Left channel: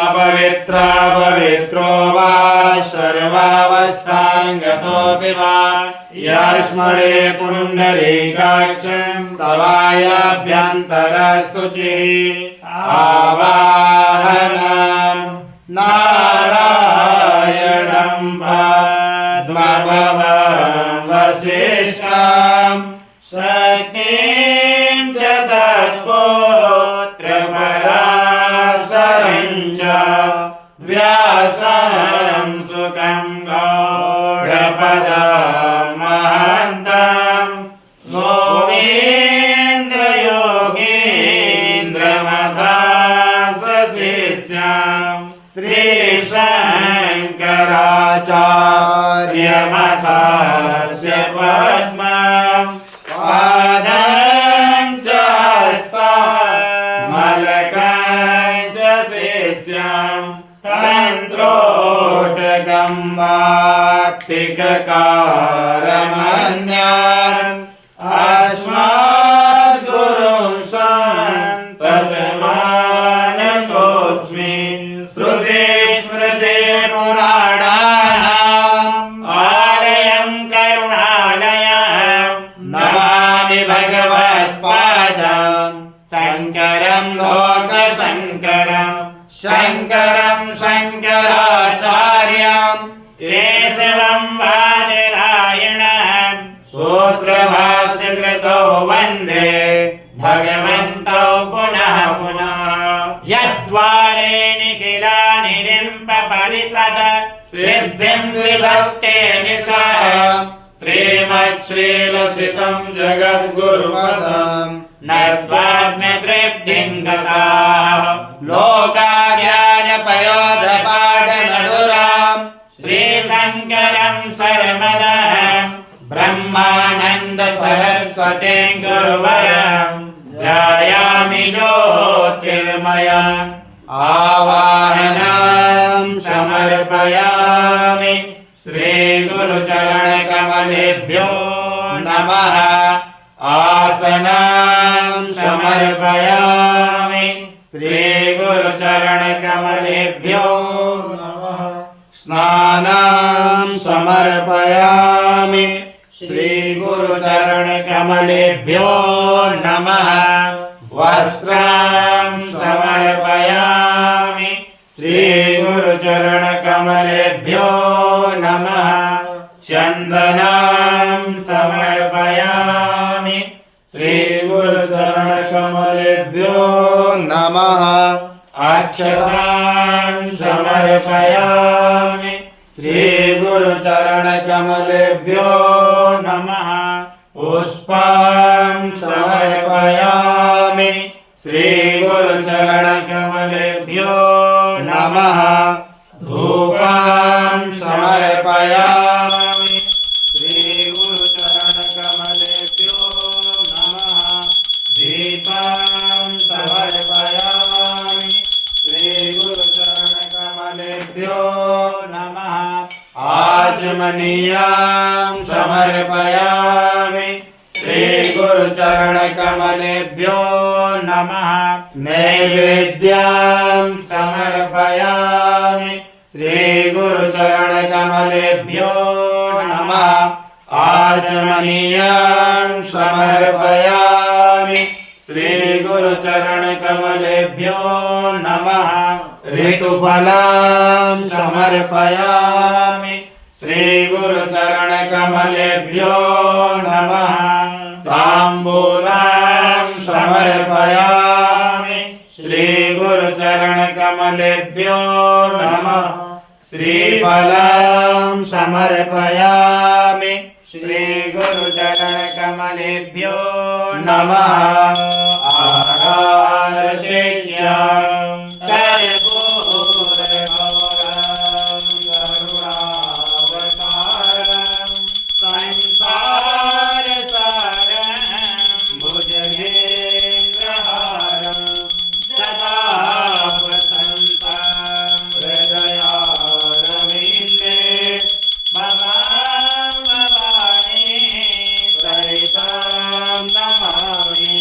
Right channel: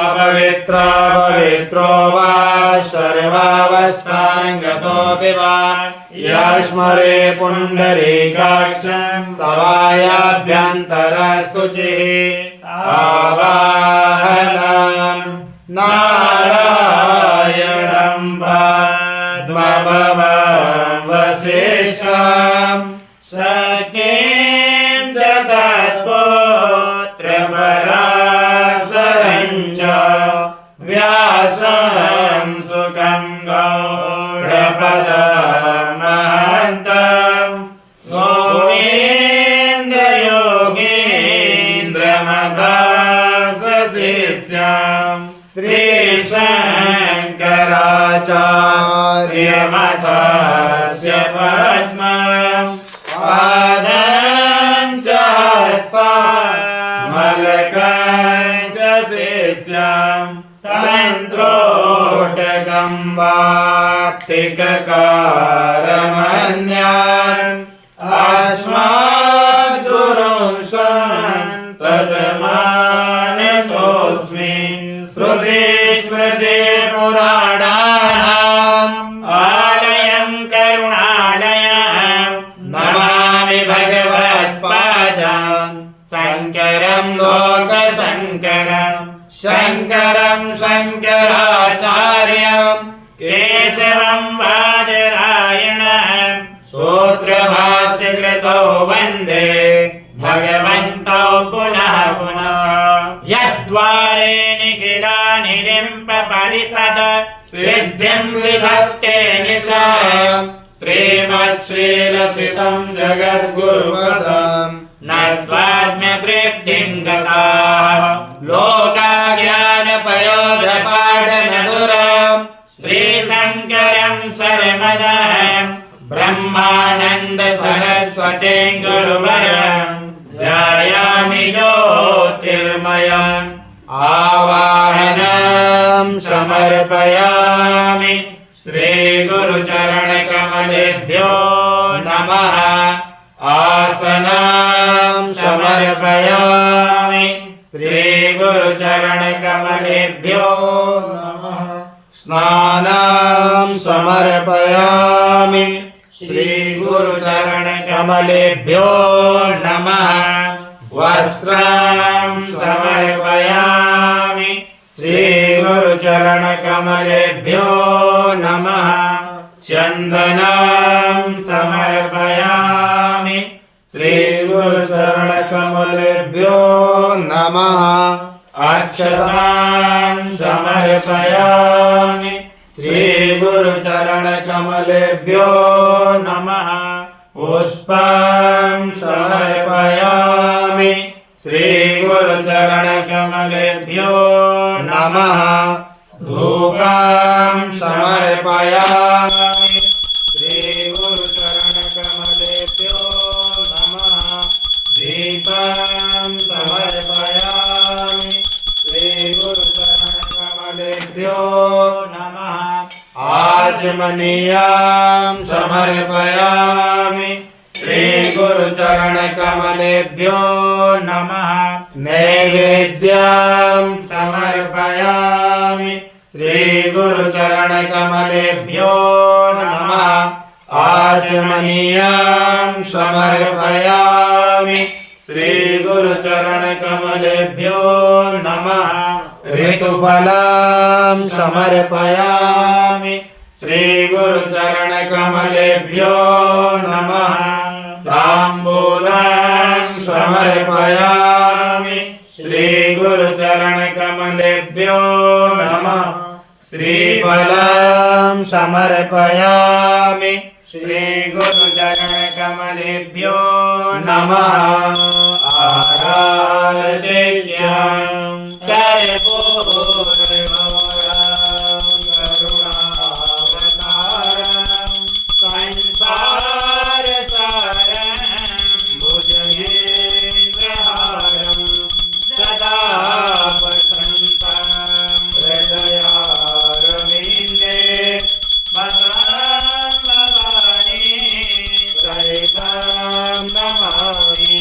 अपवित्रापवित्रो वा सर्वावस्थां गतोऽपि वा यस्मरे पुण्डरीकाक्षं सवायाभ्यन्तरशुचिः आवाहनं नारायणं पद्मभवं वसिष्ठं शक्तिं च तत्पुत्रपराशरं च व्यासं सुखं गौडपदमहन्तं गोविन्दयोगीन्द्रमदासशिष्यं श्रीशङ्कराचार्यमतस्य पद्मं पादं च हस्तमलकं च शिष्यं तन्त्रोटकं वाक्तिककारमन्यम् अस्मद्गुरुं सन्ततमानतोऽस्मि श्रुति स्मृति पुराणानाम् आलयं करुणालयं नमामि भगवत्पादं शङ्करं लोकशङ्करं शङ्करं शङ्कराचार्यं केशवं बादरायणं सूत्रभाष्यकृतौ वन्दे भगवन्तौ पुनः पुनः यद्वारे निखिलानि निम्पपरिषद सिद्धिं विधत्ते निशाम् श्रीमच्छ्रीलसितं जगद्गुरुपदम् नत्वाज्ञतृप्तिं गताः लोकाज्ञानपयोधपाठमधुरम् श्रीशङ्करं शर्मदः ब्रह्मानन्द सरस्वतीं गुरुवरं ध्यायामि ज्योतिर्मयम् आवाहनं समर्पयामि श्रीगुरुचरणकमलेभ्यो नमः आसनं समर्पयामि श्रीगुरुचरणकमलेभ्यो नमः स्नानं समर्पयामि श्रीगुरुचरणकमलेभ्यो नमः वस्त्रं समर्पयामि श्रीगुरुचरणकमलेभ्यो नमः चन्दनं समर्पयामि श्रीगुरुचरणकमलेभ्यो नमः अक्षतान् समर्पयामि श्रीगुरुचरणकमलेभ्यो नमः पुष्पं समर्पयामि श्रीगुरुचरणकमलेभ्यो नमः धूपं समर्पयामि श्रीगुरुचरणकमलेभ्यो नमः दीपं समर्पयामि श्रीगुरुचरणकमलेभ्यो नमः आचमनीयं समर्पयामि श्रीगुरुचरणकमलेभ्यो नमः नैवेद्यं समर्पयामि श्रीगुरुचरणकमलेभ्यो नमः आचमनीयं समर्पयामि श्रीगुरुचरणकमलेभ्यो नमः ऋतुफलं समर्पयामि श्रीगुरुचरणकमलेभ्यो नमः ताम्बूलं समर्पयामि श्रीगुरुचरणकमलेभ्यो नमः श्रीफलं समर्पयामि श्रीगुरुचरणकमलेभ्यो नमः आराध्यं कर्पूरगौरं करुणावतारं संसारसारं भुजगेन्द्रहारं सदा वसन्तं हृदयारविन्दे मदां भवानी सहितं नमामि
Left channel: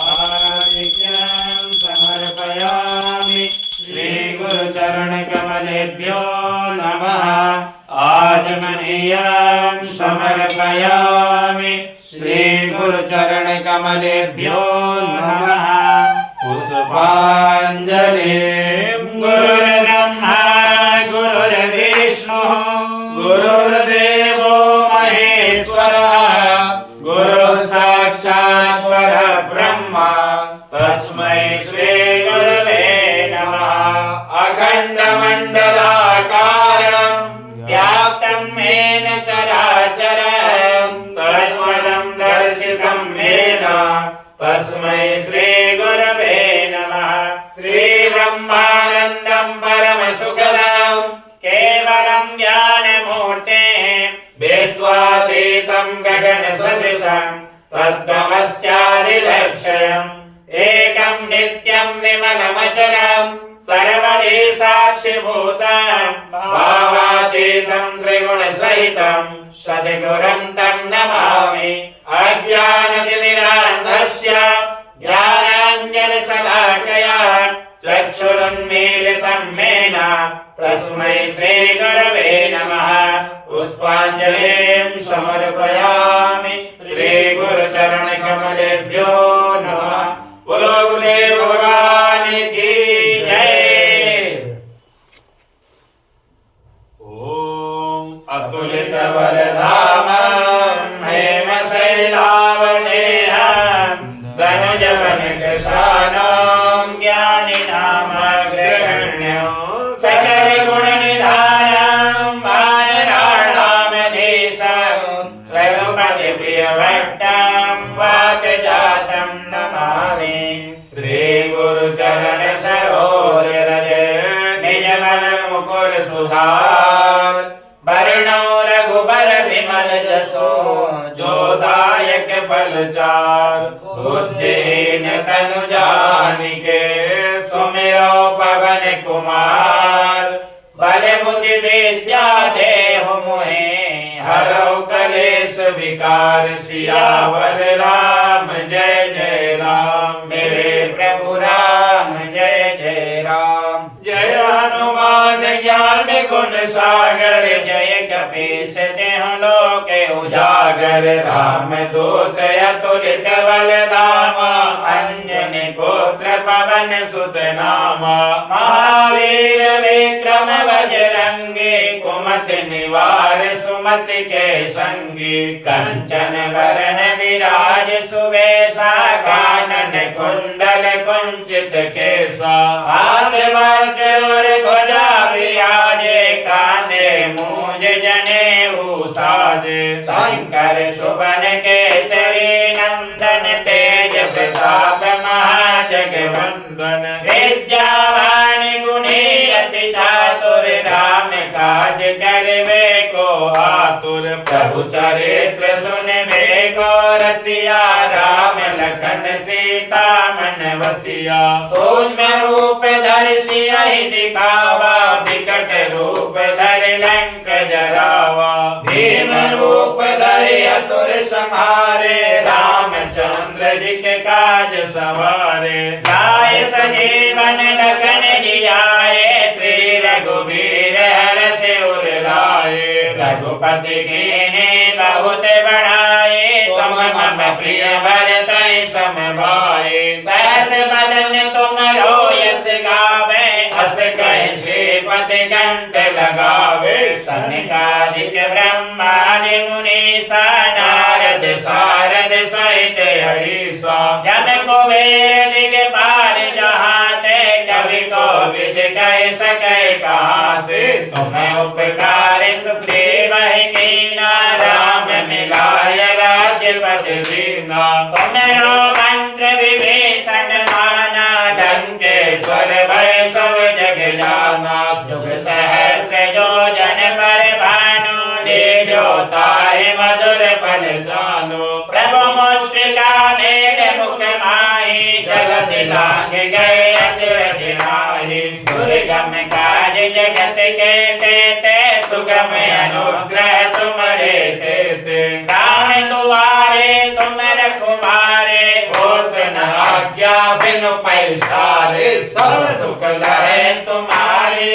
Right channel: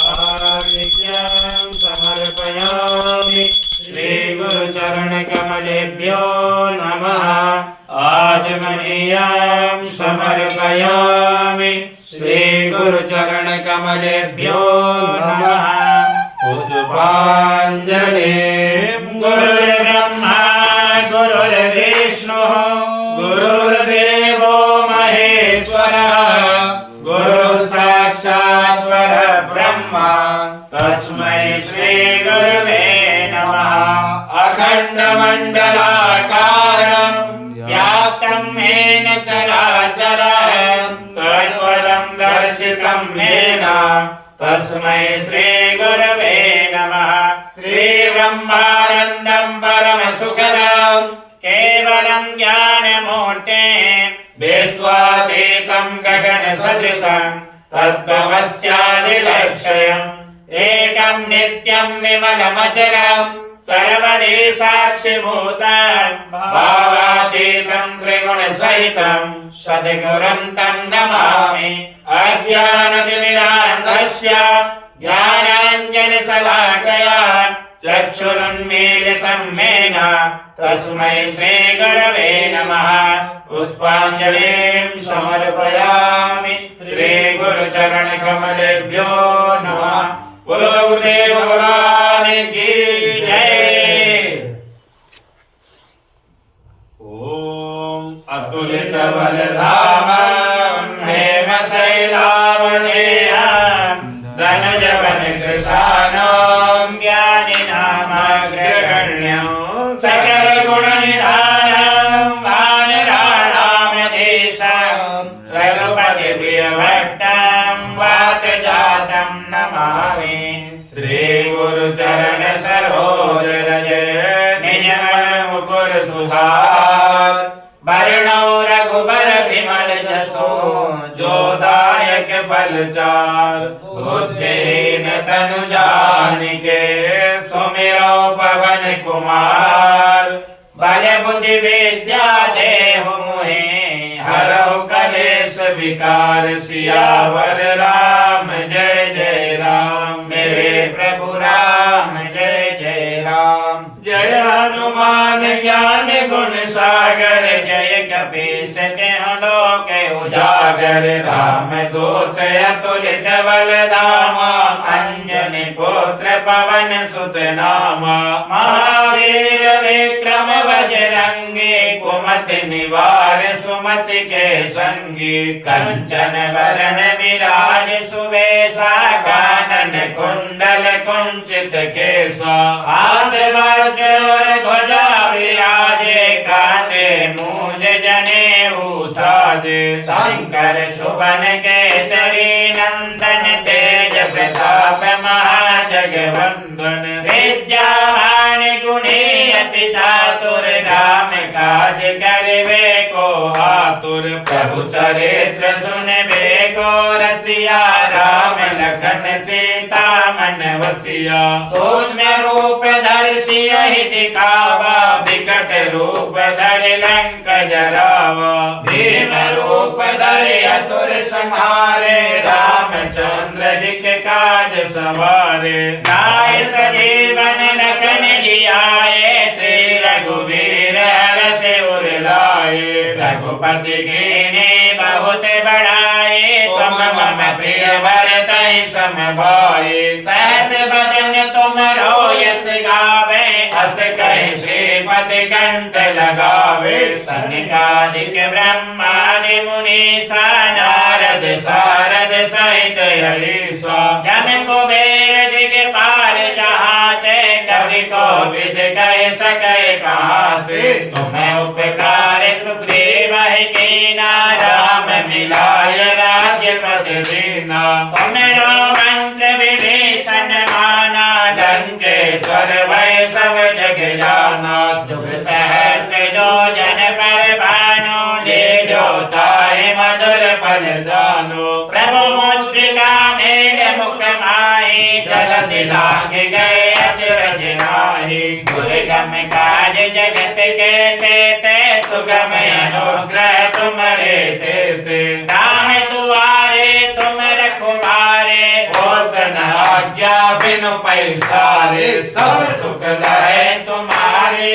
आर्घ्यं समर्पयामि श्रीगुरु गुरुचरण कमलेभ्यो नमः। आचमनीयं समर्पयामि श्री गुरुचरण कमलेभ्यो नमः। पुष्पाञ्जलिं गुरुर्ब्रह्मा गुरुर्विष्णुः गुरुर्देवो महेश्वरः गुरुः साक्षात् परब्रह्म तस्मै श्री गुरवे नमः। अखण्डमण्डलाकारं व्याप्तं येन चराचरं तत्पदं दर्शितं येन तस्मै श्री गुरवे नमः। श्रीब्रह्मानन्दं परमसुखदं केवलं ज्ञानमूर्तिं विश्वातीतं गगनसदृशं तद्भवस्यादिलक्ष्यम् एकं नित्यं विमलमचरं सर्वदी साक्षिभूतं भावातीतं त्रिगुणसहितं सद्गुरुं तं नमामि। अज्ञानतिमिरान्धस्य ज्ञानाञ्जनशलाकया चक्षुरुन्मीलितं येन तस्मै श्रीगुरवे नमः। पुष्पाञ्जलिं समर्पयामि श्रीगुरुचरणकमलेभ्यो नमः। बोलो गुरुदेव भगवान की जय। ओम अतुलितबलधामं हेमशैलावदेहं धनुजवनकृशानं ज्ञानिनामग्रगण्यं सकलगुणनिधानं वानराणामधीशं रघुपतिप्रियभक्तं वातजातं नमामि। श्रीगुरुचरण सरोज रज निजमन मुकुर सुधार वर्णो रघुबर विमल जसो जोदायक बलचार बुद्धिहीन तनु जानिके सुमिरो पवन कुमार बल बुद्धि विद्या देहु मोहे हरौ कलेश विकार सियावर राम जय जय राम। मेरे प्रभु राम जय जय राम। जय हनुमान ज्ञान गुण सागर जय कपीस तिहुँ लोक उजागर राम दूत अतुलित बल धामा अंजनी पुत्र पवन सुत नामा। महावीर विक्रम बजरंगी कुमति निवार सुमति के संगी कंचन वरण विराज सुबेसा कानन कुंडल कुंचित केसा हाथ वज्र ध्वजा विराजे कांधे मूंज जनेऊ साजे शंकर सुवन केसरी नंदन तेज प्रताप महाजगवंदन विद्यावान गुणी अति चातुर राम काज करवे को आतुर प्रभु चरित्र सुनबे को रसिया राम लखन सीता मन वसिया। सूक्ष्म रूप धर सियहि दिखावा विकट रूप धर लंक जरावा भीम रूप धर असुर संहारे रामचंद्र जी के काज सवारे। लाए सजीवन लखन जियाए श्री रघुवीर हरष उर लाए रघुपति कीन्ही बहुत बड़ाई तुम मम प्रिय भरतहि सम भाई। सहस बदन तुमरो यस गावे अस कहि श्रीपति कंठ लगावे। सनकादिक ब्रह्मादि मुनीसा नारद सारद सहित अहिसा जम कुबेर दिगपाल जहाते कवि कोविद कह सकै कहाते। तुम्हें उपकार सुग्रीव कीना राम मिलाय राज्यपद दीना। तुमरो मंत्र विभीषण माना लंकेश्वर भय सब जग जाना। जुग सहस्र जो जन पर भानु लील्यो ताहि मधुर फल जानो। प्रभु मुद्रिका मेल मुख माहि जलधि लांघि गए अचरज नाहि। दुर्गम काज जगत के तेते सुगम अनुग्रह तुम्हारे तेते। राम दुआरे तुम रखवारे होत न आज्ञा बिनु पैसारे। सब सुख लहे तुम्हारे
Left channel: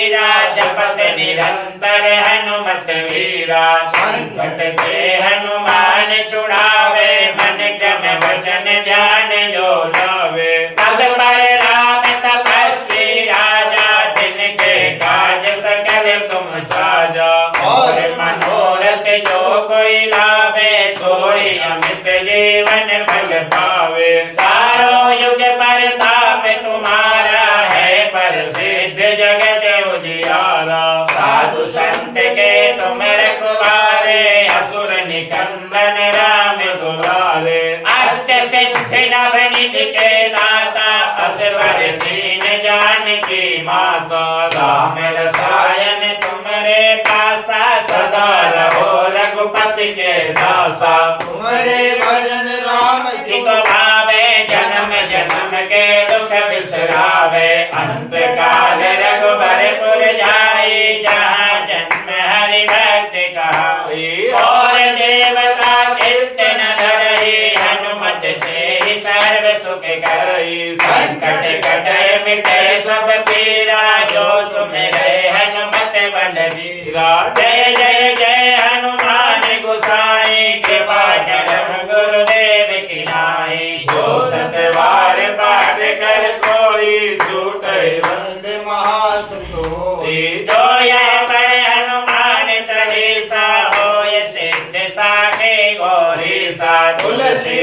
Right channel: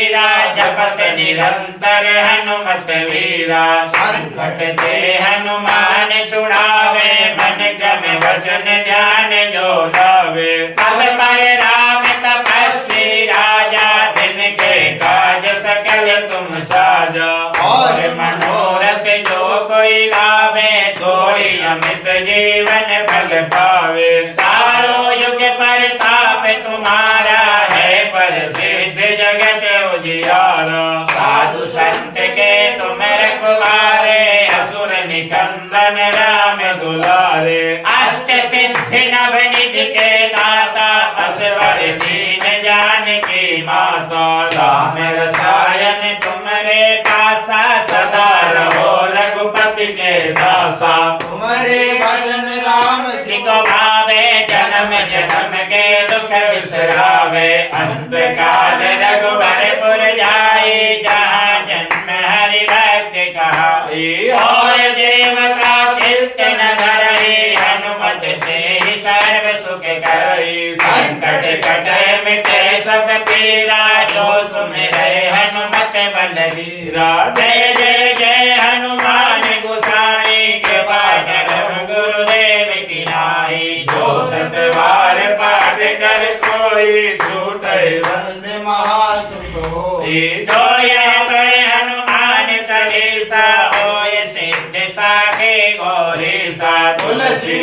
धीरा जपत निरंतर हनुमत वीरा संकट ते हनुमान छुड़ावे मन क्रम वचन ध्यान जो लावे सब पर राम तपस्वी राजा दिन के काज सकल तुम साजा और मनोरथ जो कोई लावे सोई अमित जीवन फल पावे चारों युग परताप तुम्हारा है प्रसिद्ध जगत उजियारा साधु संत के तुम रखवारे असुर निकंदन राम दुलारे अष्ट सिद्धि नव निधि के दाता असवर दीन जानकी माता राम रसायन तुम्हारे पासा सदा रहो रघुपति के दासा तुम्हारे भजन राम जी को भावे जन्म जन्म के दुख बिसरावे अंत काल रघुबरपुर जाए जहाँ जन्म हरि भक्त कहाई और देवता चित्त न धरहि हनुमत से ही सर्व सुख करई संकट कटे मिटे सब पीरा जो सुमिरै हनुमत बलवीरा जय जय जय हनुमान गोसाई कृपा करहु गुरुदेव की नाई जो सतबार पाठ कर कोई छूटे वंदे महासुख होई। जो यह पढ़े हनुमान चालीसा होय सिद्ध साखे गौरी सा तुलसी